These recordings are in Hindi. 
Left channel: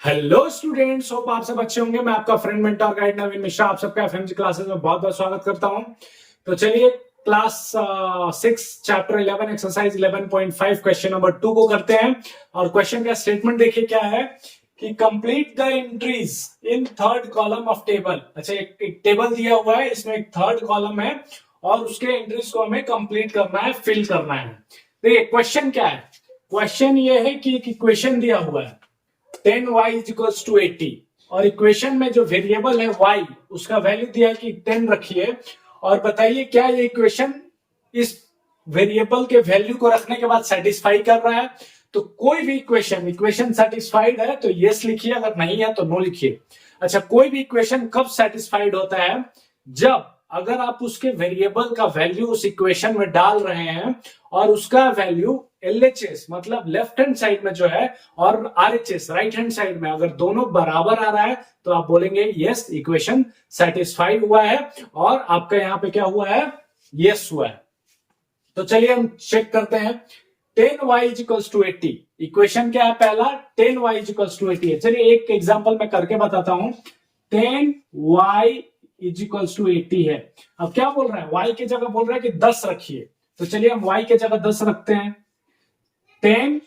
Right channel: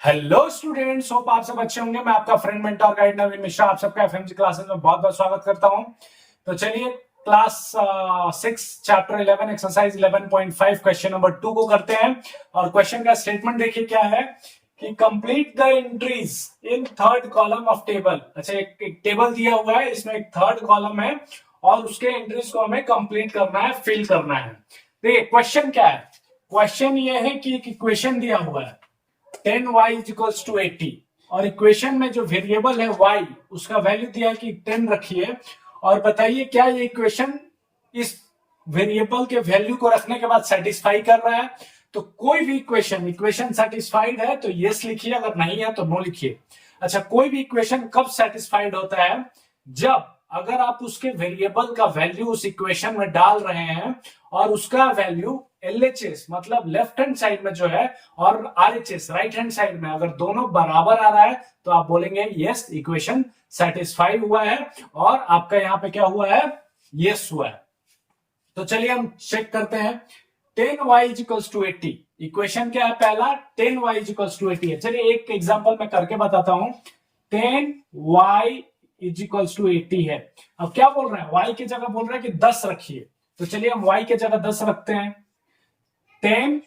हेलो स्टूडेंट्स, होप आप सब अच्छे होंगे। मैं आपका फ्रेंड मेंटर गाइड नवीन मिश्रा आप सबका एफएमजी क्लासेस में बहुत बहुत स्वागत करता हूं। तो चलिए class 6 chapter 11 exercise 11.5 question number 2 को करते हैं। और क्वेश्चन का स्टेटमेंट देखिए क्या है कि complete the entries in third column of table. अच्छा, एक टेबल दिया हुआ है, इसमें एक थर्ड कॉलम है और उसके एंट्रीज को हमें कंप्लीट करना है, फिल करना है। देखिए क्वेश्चन क्या है। क्वेश्चन ये है कि इक्वेशन दिया हुआ है 10y इक्वल्स टू 80 और इक्वेशन में जो वेरिएबल है y उसका वैल्यू दिया है कि 10 रखिए और बताइए क्या ये इक्वेशन इस वेरिएबल के वैल्यू को रखने के बाद सेटिस्फाई कर रहा है। तो कोई भी इक्वेशन सेटिस्फाइड है तो यस लिखिए, अगर नहीं है तो नो लिखिए। अच्छा, कोई भी इक्वेशन कब सेटिस्फाइड होता है? जब अगर आप उसके वेरिएबल का वैल्यू उस इक्वेशन में डाल रहे हैं और उसका वैल्यू LHS मतलब लेफ्ट हैंड साइड में जो है और RHS राइट हैंड साइड में अगर दोनों बराबर आ रहा है तो आप बोलेंगे यस इक्वेशन सेटिस्फाई हुआ है और आपका यहां पे क्या हुआ है, यस हुआ है। तो चलिए हम चेक करते हैं। 10y इक्वल्स टू 80 इक्वेशन क्या है? पहला 10y इक्वल्स टू 80 है। चलिए एक एग्जांपल मैं करके बताता हूं। 10y इक्वल्स टू 80 है। अब क्या बोल रहा है? y की जगह बोल रहा है कि 10 रखिए। तो चलिए हम y की जगह 10 रखते हैं। 10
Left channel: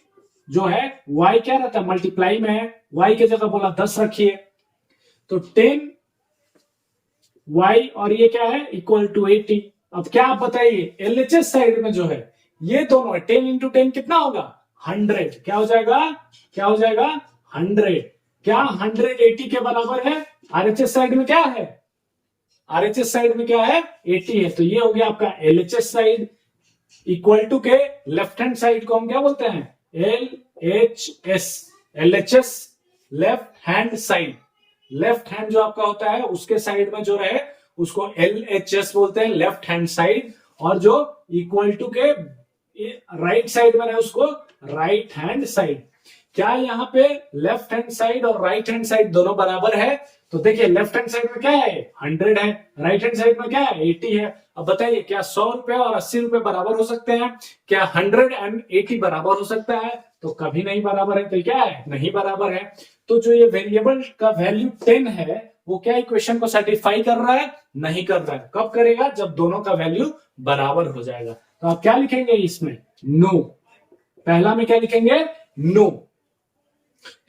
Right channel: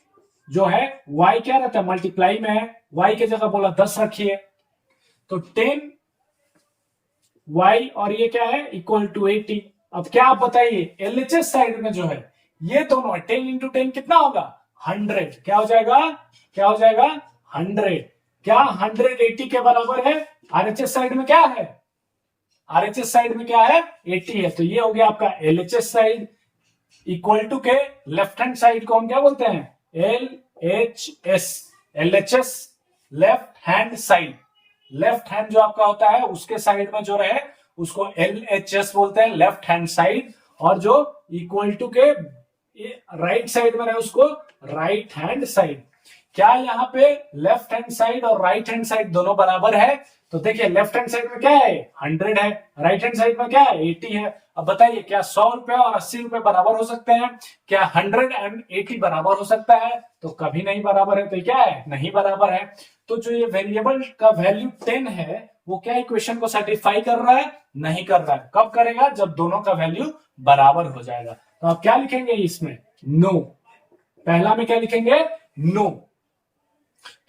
जो है y क्या रहता है, मल्टीप्लाई में है, y की जगह बोला 10 रखिए। तो 10y और ये क्या है इक्वल टू 80। अब क्या आप बताइए, LHS साइड में जो है ये दोनों है, 10 इंटू 10 कितना होगा? 100। क्या हो जाएगा? क्या हो जाएगा? 100। क्या 180 के बराबर है? RHS साइड में क्या है? RHS साइड में क्या है? 80 है। तो ये हो गया आपका LHS साइड। इक्वल टू के लेफ्ट हैंड साइड को हम क्या बोलते हैं? LHS। LHS left hand side. Left hand जो आपका होता है उसके साइड में जो रहे उसको LHS बोलते हैं, लेफ्ट हैंड साइड। और जो इक्वल टू के राइट साइड में रहे उसको राइट हैंड साइड। क्या यहाँ पे लेफ्ट हैंड साइड और राइट हैंड साइड दोनों बराबर है? तो देखिए लेफ्ट हैंड साइड में क्या है? 100 है। राइट हैंड साइड में क्या है? 80 है। अब बताइए क्या 100 रुपए और 80 रुपए बराबर हो सकते हैं? क्या 100 एंड 80 बराबर हो सकता है? तो कभी नहीं बराबर है। तो क्या है? नहीं बराबर है। तो जो ये वेरिएबल का वैल्यू 10 है वो क्या इक्वेशन को सेटिस्फाई कर रहा है? नहीं कर रहा है। कब करेगा? जब दोनों का वैल्यू बराबर हो जाएगा। तो आप क्या लिखेंगे इसमें? नो। पहला में क्या लिखेंगे? नो।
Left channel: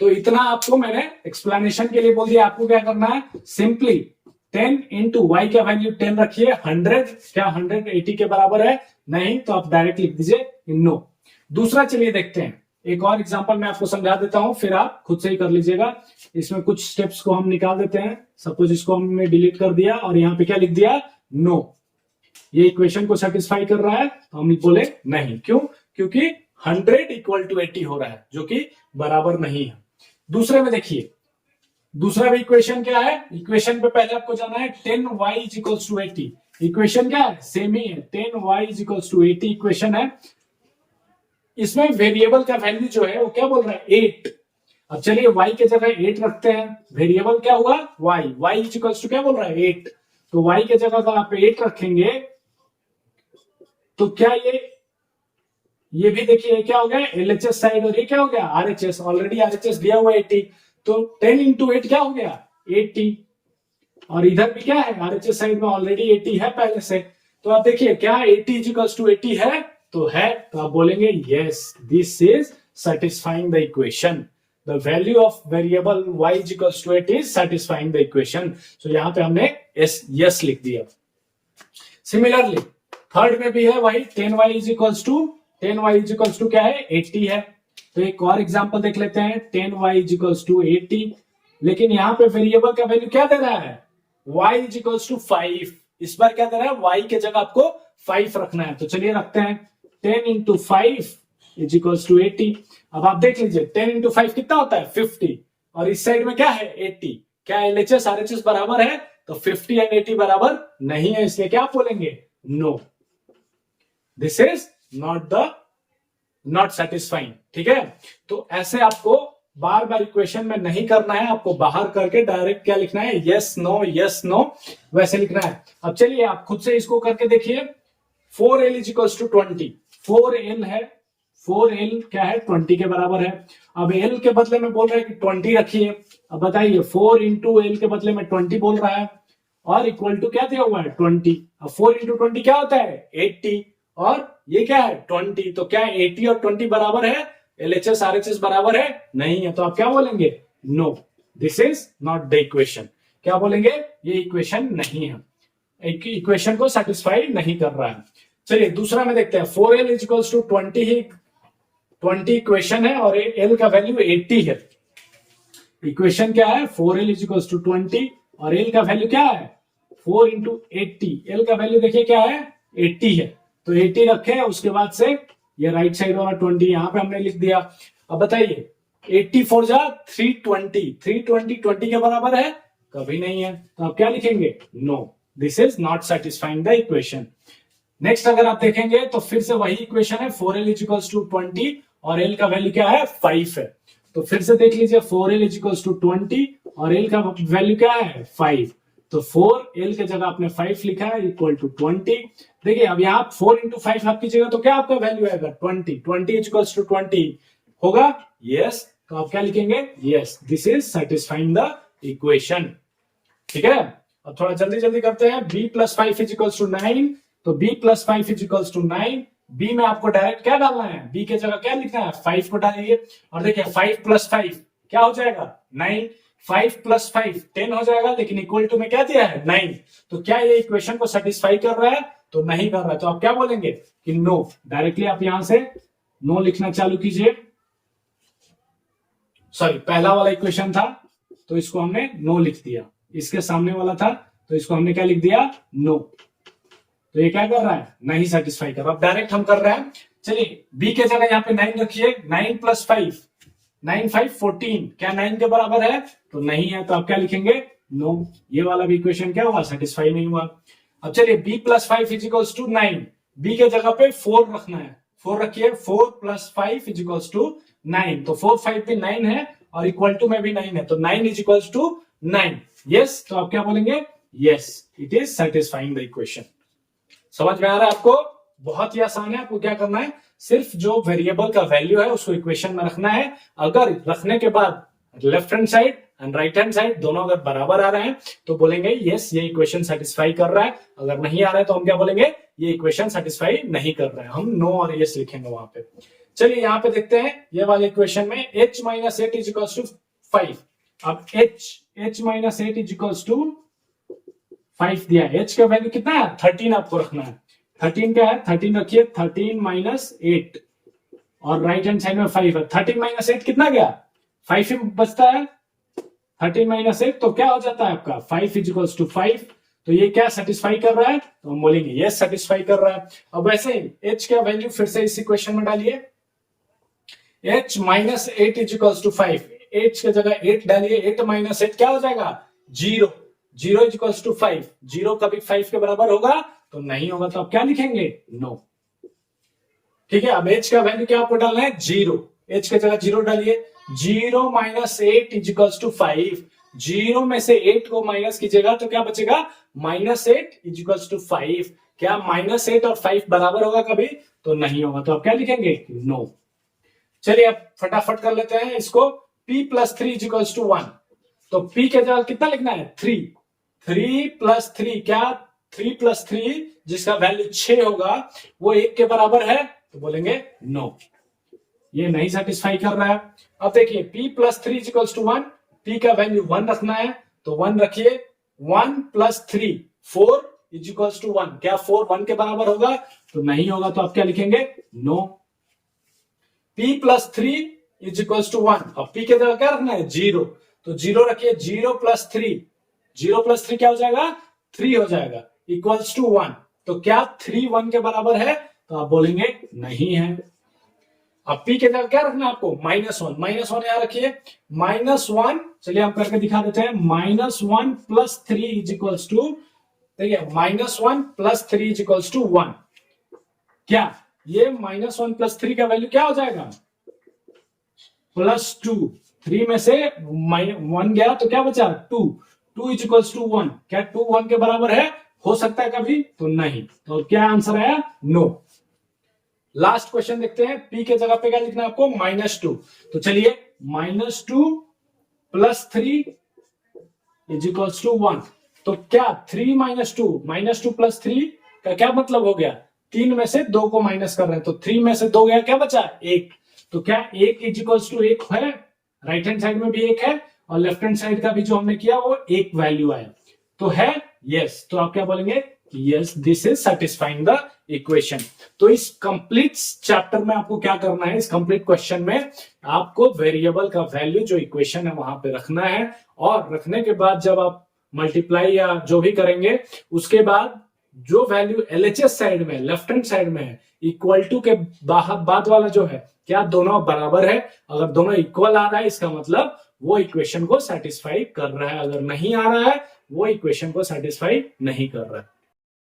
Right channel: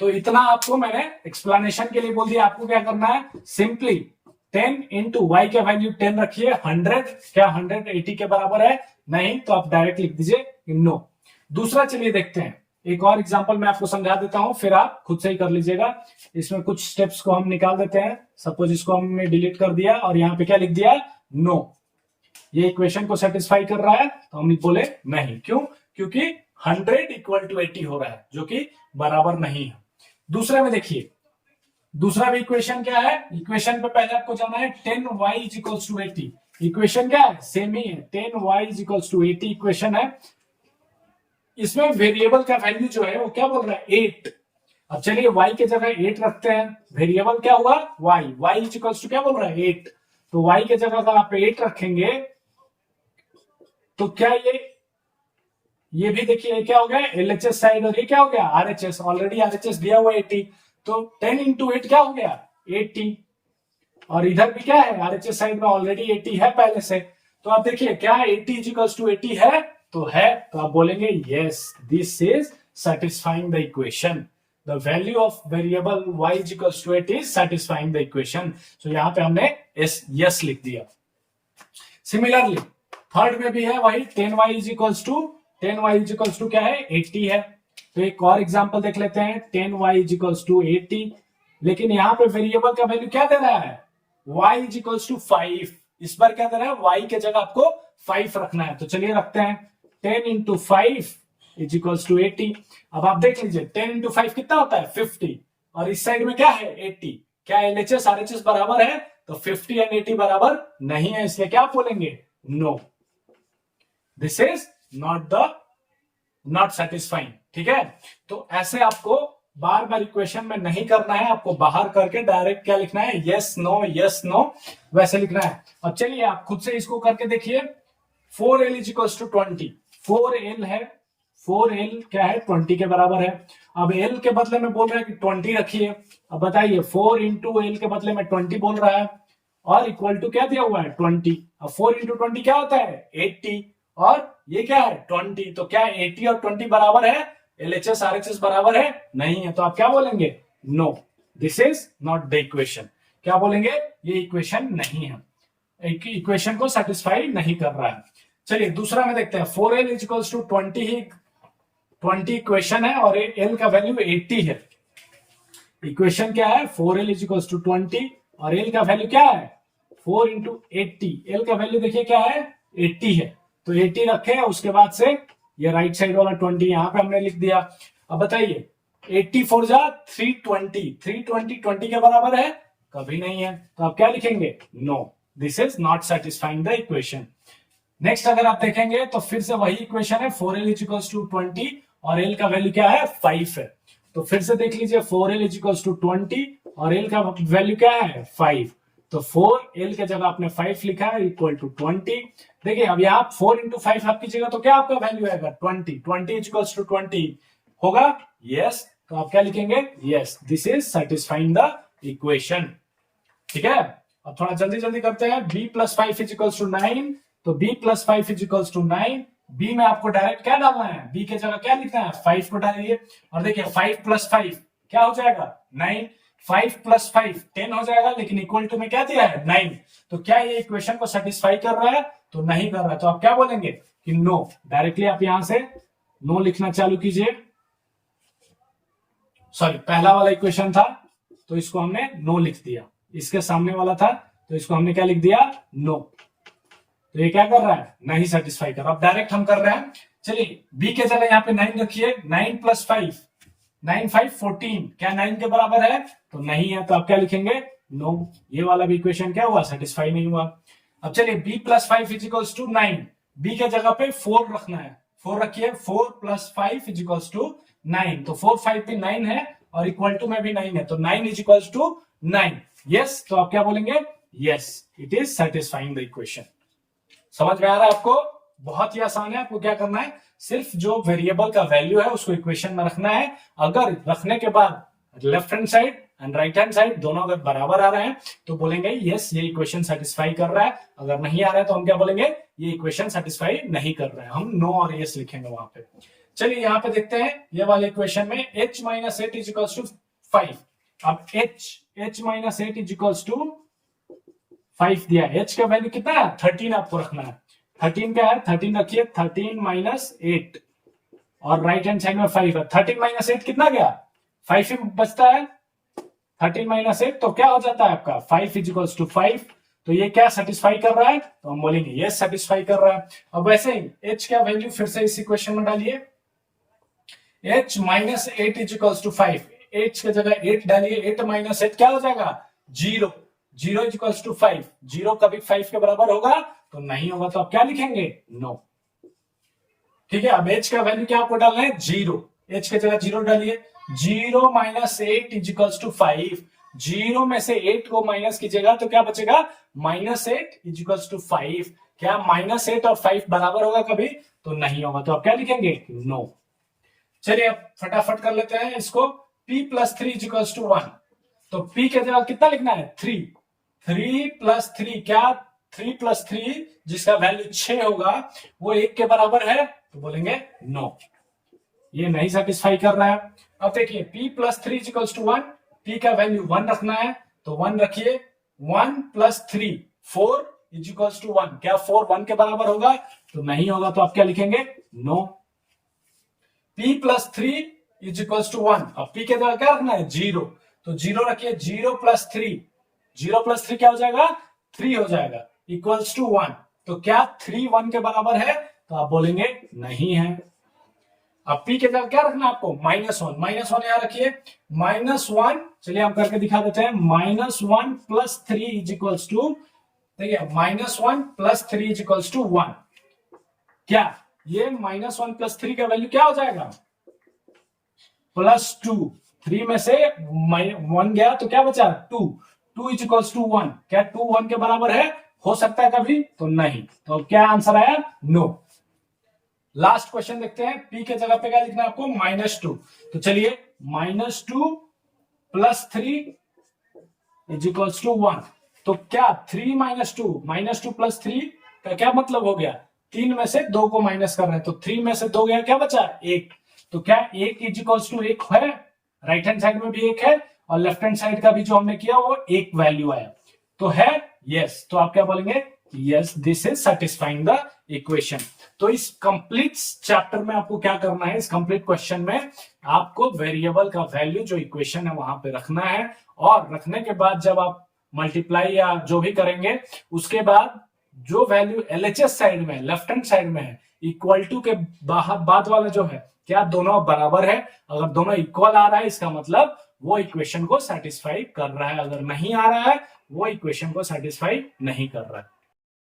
तो इतना आपको मैंने एक्सप्लेनेशन के लिए बोल दिया। आपको क्या करना है? सिंपली 10 इंटू वाई का वैल्यू 10 रखिए। 100 क्या 180 के बराबर है? नहीं। तो आप डायरेक्ट लिख दीजिए नो। दूसरा चलिए देखते हैं। एक और एग्जांपल मैं आपको समझा देता हूं, फिर आप खुद से ही कर लीजिएगा। इसमें कुछ स्टेप्स को हम निकाल देते हैं। सपोज इसको हमने डिलीट कर दिया और यहाँ पे क्या लिख दिया? नो। ये इक्वेशन को सेटिस्फाई कर रहा है? तो हम बोले नहीं। क्यों? क्योंकि 100 इक्वल टू 80 हो रहा है जो कि बराबर नहीं है। दूसरे में देखिए, दूसरा भी इक्वेशन क्या है? इक्वेशन पे पहले आपको जाना है 10y इक्वल्स टू 80। इक्वेशन क्या है? सेम ही है, 10y इक्वल्स टू 80 इक्वेशन है। इसमें वेरिएबल का वैल्यू जो है वो क्या बोल रहा है? 8। अब चलिए y के जगह 8 रखते हैं। वेरिएबल क्या हुआ? y इक्वल्स टू क्या बोल रहा है? 8। तो y के जगह अगर आप 8 रखेंगे तो क्या ये भी देखिए क्या हो गया? LHS साइड और ये क्या हो गया? RHS। ऑलरेडी RHS दिया हुआ 80। तो 10 इंटू 8 क्या हो गया? 80। और इधर भी क्या है? RHS साइड में ऑलरेडी 80 है पहले से। तो आप देखिए क्या 80 इक्वल्स टू 80 है? तो है। तो आप बोलेंगे yes this is satisfying the equation. The value of variable y equals to 80 is satisfying the equation. So यहां पे हमने यस लिख दिया। सिमिलरली थर्ड में भी है वही 10y equals to 10y equals to क्या है? 80 है। तो एक और एग्जांपल देख लेते हैं। 10y इक्वल्स टू 80, लेकिन यहां पे वेरिएबल का वैल्यू क्या दे रहा है? y equals to 5। इस बार क्या दे रहा है? y के जगह आपको 5 रखना है। तो चलिए रखते हैं 10 इंटू 5 इक्वल्स टू 80। अब आप देख लीजिए 10 इंटू 5 कितना होता है? 50। और इस साइड में क्या है? 80। क्या LHS RHS बराबर है? तो 50 एंड 80 बराबर नहीं है, इसलिए क्या आप बोलेंगे? No, this is not satisfying. ठीक है। तो ऐसे आपको बार बार इक्वेशन में नहीं करना है, आपको बाहर करके डायरेक्ट क्या लिखना है? यस नो वैसे लिखना है। अब चलिए आप खुद से इसको करके देखिए। 4l equals to 20। 4l है, 4l क्या है 20 के बराबर है। अब l के बदले में बोल रहा है कि 20 रखिए। अब बताइए 4 इंटू एल के बदले में 20 बोल रहा है और इक्वल टू क्या दिया हुआ है 20। अब 4 इंटू 20 क्या होता है 80 और ये क्या है 20। तो क्या 80 और 20 बराबर है, LHS RHS बराबर है नहीं है। तो आप क्या बोलेंगे no, this is not the equation. क्या बोलेंगे ये इक्वेशन नहीं है, इक्वेशन को सेटिस्फाई नहीं कर रहा है। चलिए दूसरा में देखते हैं 4l equals to 20 he 20 equation है और l का वैल्यू 80 है। इक्वेशन क्या है 4l इक्वल्स टू 20 और l का वैल्यू क्या है 4 इंटू 80। l का वैल्यू देखिए क्या है 80 है, तो 80 रखे उसके बाद से ये राइट साइड वाला 20 यहां पे हमने लिख दिया। अब बताइए 80 फोर जा 320, 320 20 के बराबर है कभी नहीं है। तो आप क्या लिखेंगे no, this is not satisfying the equation. Next अगर आप देखेंगे तो फिर से वही इक्वेशन है 4l इक्वल्स टू 20 और l का वैल्यू क्या है 5 है। तो फिर से देख लीजिए 4l इक्वल्स टू 20 और l का वैल्यू क्या है 5। तो 4l के जगह आपने 5 लिखा है इक्वल टू 20। देखिए अब यहाँ 4 इंटू 5 आप कीजिएगा तो क्या आपका वैल्यू आएगा 20, 20 इक्वल्स टू 20 होगा यस। तो आप क्या लिखेंगे yes, this is satisfying the equation. ठीक है, अब थोड़ा जल्दी जल्दी करते हैं। b प्लस 5 इक्वल्स टू 9, तो b plus 5 equals to 9। b में आपको डायरेक्ट क्या डालना है, b के जगह क्या लिखना है 5 को डालिए और देखिए 5 प्लस 5 क्या हो जाएगा 9, 5 प्लस 5 10 हो जाएगा, लेकिन इक्वल टू में क्या दिया है 9। तो क्या ये इक्वेशन को सेटिस्फाई कर रहा है, तो नहीं कर रहा है। तो आप क्या बोलेंगे कि नो, डायरेक्टली आप यहां से नो लिखना चालू कीजिए। सॉरी पहला वाला इक्वेशन था तो इसको हमने नो लिख दिया, इसके सामने वाला था तो इसको हमने क्या लिख दिया नो। तो ये क्या कर रहा है नहीं सेटिस्फाई कर रहा। अब डायरेक्ट हम कर रहे हैं, चलिए b के जगह यहाँ पे 9 रखिए, 9 प्लस 5 9 5 14 क्या 9 के बराबर है, तो नहीं है। तो आप क्या लिखेंगे नो, ये वाला भी इक्वेशन क्या हुआ सेटिस्फाई नहीं हुआ। अब चलिए b plus 5 equals to 9, b के जगह पे 4 रखना है, 4 रखिए, 4 प्लस 5 इजिकल्स टू 9। तो 4 5 भी 9 है और इक्वल टू में भी 9 है, तो 9 इजिकल्स टू 9 यस। तो आप क्या बोलेंगे yes, it is satisfying the equation. समझ में आ रहा है आपको, बहुत ही आसान है। आपको क्या करना है, सिर्फ जो वेरिएबल का वैल्यू है उसको इक्वेशन में रखना है। अगर रखने के बाद left hand side and right hand side दोनों अगर बराबर आ रहे हैं तो बोलेंगे यस ये इक्वेशन सेटिस्फाई कर रहा है। अगर नहीं आ रहा है तो हम क्या बोलेंगे ये इक्वेशन सेटिस्फाई नहीं कर रहा है, हम नो और यस लिखेंगे वहां पे। चलिए यहाँ पे देखते हैं ये वाले इक्वेशन में h minus 8 is equals to 5। अब h minus 8 is equals to 5 दिया है, h का वैल्यू कितना है 13 आपको रखना है। 13 क्या है 13 रखिए, 13 माइनस 8 और राइट हैंड साइड में 5 है। 13 माइनस 8 कितना गया 5 ही बचता है, 13 माइनस 8 तो क्या हो जाता है आपका 5 इक्वल्स टू 5। तो ये क्या सेटिस्फाई कर रहा है, तो हम बोलेंगे ये सेटिस्फाई कर रहा है। अब वैसे ही h का वैल्यू फिर से इस इक्वेशन में डालिए, h minus 8 equals to 5, h के जगह 8 डालिए, 8 माइनस 8 क्या हो जाएगा 0, 0 इक्वल्स टू 5, 0 कभी 5 के बराबर होगा तो नहीं होगा। तो आप क्या लिखेंगे नो। ठीक है, अब h का वैल्यू क्या आपको डालना है 0, h के जगह 0 डालिए, 0 माइनस 8 इक्वल्स टू 5, 0 में से 8 को माइनस कीजिएगा तो क्या बचेगा माइनस 8 इक्वल्स टू 5। क्या माइनस 8 और 5 बराबर होगा कभी, तो नहीं होगा। तो आप क्या लिखेंगे नो। चलिए अब फटाफट कर लेते हैं इसको, p प्लस 3 इक्वल्स टू 1। तो p के जगह कितना लिखना है 3, 3 प्लस 3 क्या 3 प्लस 3 जिसका वैल्यू 6 होगा वो 1 के बराबर है, तो बोलेंगे नो, ये नहीं सेटिस्फाई कर रहा है। अब देखिए p plus 3 equals to 1, p का वैल्यू 1 रखना है तो 1 रखिए, 1 प्लस 3 4 इक्वल्स टू 1 क्या 4 1 के बराबर होगा, तो नहीं होगा। तो आप क्या लिखेंगे no. p plus 3 equals to 1, अब p के जगह क्या रखना है 0, तो 0 रखिए, 0 प्लस 3, 0 प्लस 3 क्या हो जाएगा 3 हो जाएगा इक्वल्स टू 1। तो क्या 3 1 के बराबर है, तो आप बोलेंगे नहीं है। अब p के जगह क्या रखना है आपको -1, -1 यहां रखिए, -1 चलिए हम करके दिखा देते हैं, -1 प्लस 3 इक्वल्स टू, देखिए -1 प्लस 3 इक्वल्स टू 1। क्या ये -1 प्लस 3 का वैल्यू क्या हो जाएगा +2, 3 में से 1 गया तो क्या बचा 2, 2 इक्वल्स टू 1 क्या 2 1 के बराबर है, हो सकता है कभी, तो नहीं। तो क्या आंसर आया नो। लास्ट क्वेश्चन देखते हैं। p के जगह पे क्या लिखना है आपको, -2। तो चलिए -2 + 3 = 1। तो क्या 3 - 2 + 3 का क्या मतलब हो गया, 3 में से 2 को माइनस कर रहे हैं, तो 3 में से 2 गया, क्या बचा 1। तो क्या 1 = 1 है, राइट हैंड साइड में भी 1 है और लेफ्ट हैंड साइड का भी जो हमने किया वो 1 वैल्यू आया, तो है यस। तो आप क्या बोलेंगे, yes this is satisfying the equation. तो इस कंप्लीट चैप्टर में आपको क्या करना है, इस कंप्लीट क्वेश्चन में आपको वेरिएबल का वैल्यू जो इक्वेशन है वहां पे रखना है, और रखने के बाद जब आप मल्टीप्लाई या जो भी करेंगे उसके बाद जो वैल्यू एलएचएस साइड में लेफ्ट हैंड साइड में है, इक्वल टू के बाद वाला जो है, क्या दोनों बराबर है। अगर दोनों इक्वल आ रहा है इसका मतलब वो इक्वेशन को सेटिस्फाई कर रहा है, अगर नहीं आ रहा है वो इक्वेशन को सेटिस्फाई नहीं कर रहा है।